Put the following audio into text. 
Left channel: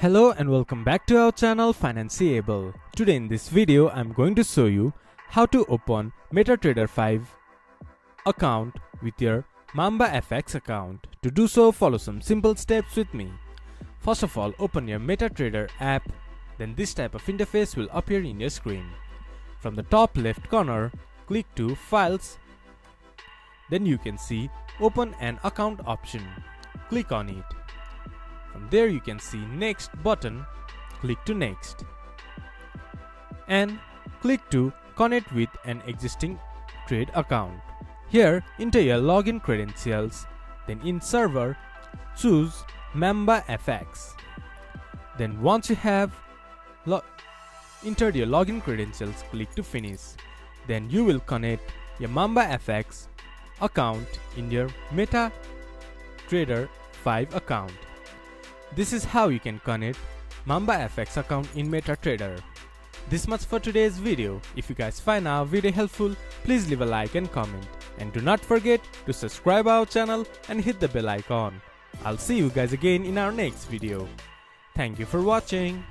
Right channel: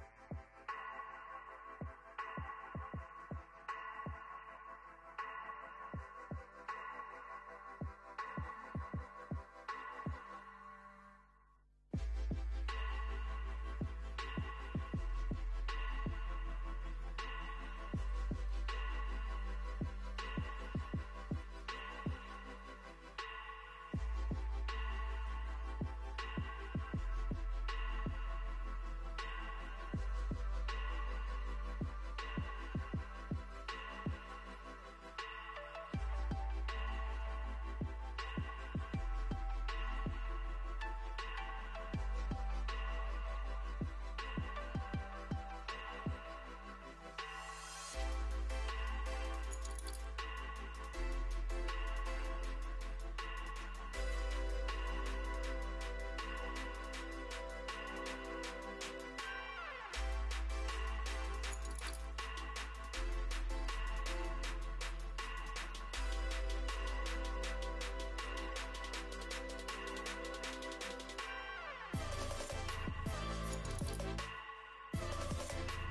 Hello and welcome back to our channel Financeable. Today in this video I'm going to show you how to open MetaTrader 5 account with your Mamba FX account. To do so, follow some simple steps with me. First of all, open your MetaTrader app, then this type of interface will appear in your screen. From the top left corner, click to Files. Then you can see Open an Account option. Click on it. From there you can see Next button. Click to Next. And click to Connect with an existing trade account. Here enter your login credentials. Then in Server, choose Mamba FX. Then once you have entered your login credentials, click to Finish. Then you will connect your Mamba FX account in your MetaTrader 5 account. This is how you can connect Mamba FX account in MetaTrader. This much for today's video. If you guys find our video helpful, please leave a like and comment. And do not forget to subscribe our channel and hit the bell icon. I'll see you guys again in our next video. Thank you for watching.